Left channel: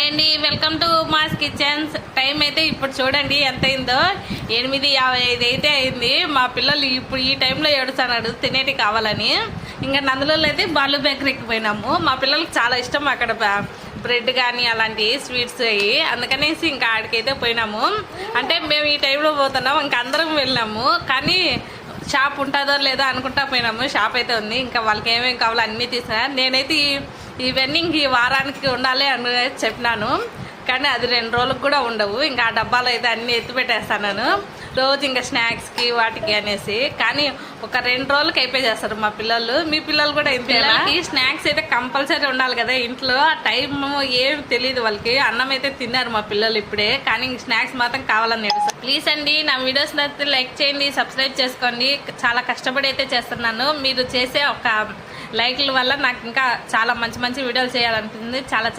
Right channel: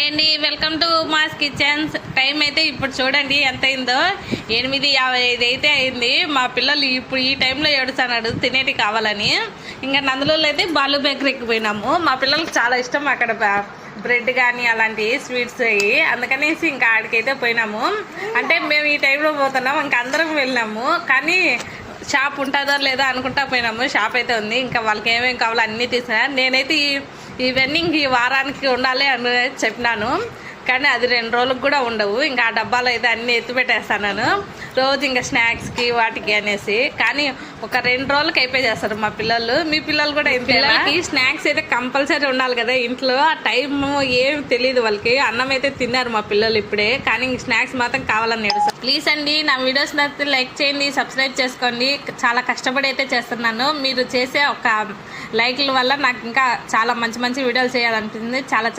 Hi అండి, welcome to mass kitchens. Time అయితే ఇప్పుడు చూడండి ఎంత అయిందో, 8:55 అయితే అయింది. మా పిల్లలు ఇప్పుడు ఈ టైంలో ఏడుస్తున్నాడు తినేటి కావాలని. ఇంకా నందులలో అయితే బాలు బేకరీకి పోయినాము. మా పిల్లలకి చాలా ఇష్టం అక్కడ బ్రెడ్ కానీ అలాంటి స్వీట్స్ అయ్యి, అందుకనేసి ఇంకా ఆడికైతే పోయినాము. అంటే మేము ఈ టైంలో పోతున్నాం, ఇంకా అందరం వెళ్ళినాము. కానీ షాప్ ఉంటుందో లేదో అనుకుంటా పోయినాము. షాప్ అయితే ఉంది. ఇంకా వాళ్ళకి ఏమేమి కావాలో అన్నీ తీసుకున్నా. నేనైతే ఇవన్నీ ఇంక ఈ వారానికి ఉండాలి అని చెప్పినాను. కానీ అది 2 రోజులకు కూడా ఉండవు. ఇంకా ఆ డబ్బాలో అయితే అన్నీ ఎత్తి పెట్టేస్తాను రోజు, ఇంకా స్నాక్స్కి వాటికి అనేసి. కానీ ఒక 2 రోజులకి అయిపోయి చేస్తారు మా పిల్లలు. మీ పిల్లలు కూడా పిల్లలకి స్నాక్స్ అయితే కంపల్సరీ ఉండాలి కదా ఇంట్లో. ఆ టైం ఏం తెలియదు వాళ్ళకి. అన్నం అయితే తిన్నారు మా పిల్లలు ఇప్పుడే, కానీ స్నాక్స్ మాత్రం కావాలని ఏడుస్తారు. ప్లీజ్ అండి, నా వీడియోస్ నచ్చితే లైక్ చేయండి, సబ్స్క్రైబ్ చేసుకోండి. చాలా కష్టపడి అయితే చేస్తున్నాను. మీరు చేసే ఒక లైక్ల వల్ల నాకు ఇంకా చాలా మంచి మంచి వీడియోలు చేయాలనిపిస్తుంది. చాలా